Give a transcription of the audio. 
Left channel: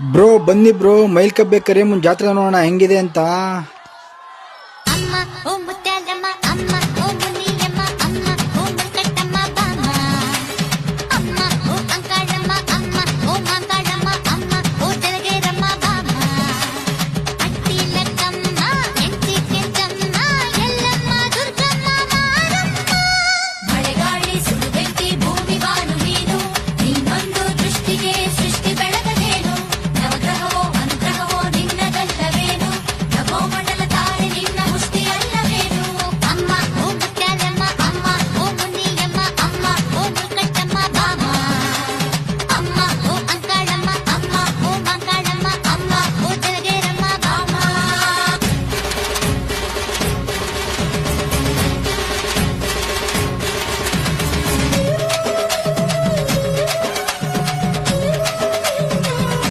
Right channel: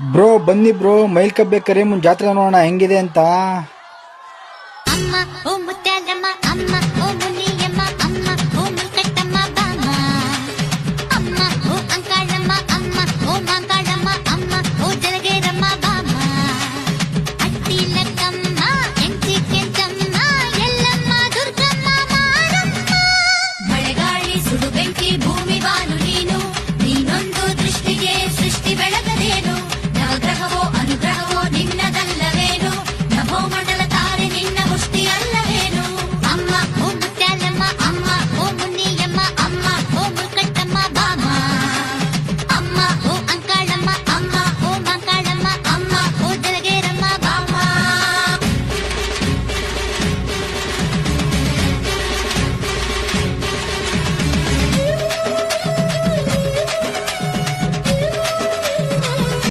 Bro ಬನ್ನಿ bro, mile ಕಬ್ಬೆ ಕರಿಯಮ್ಮನ್ ಜಾತ್ರೆ ನೋಡೋಣ ಹೆಂಗಿದೆ ಅಂತ. ಅಮ್ಮ ಓ ಮುತ್ಯಾಲಮ್ಮ ಅಮ್ಮ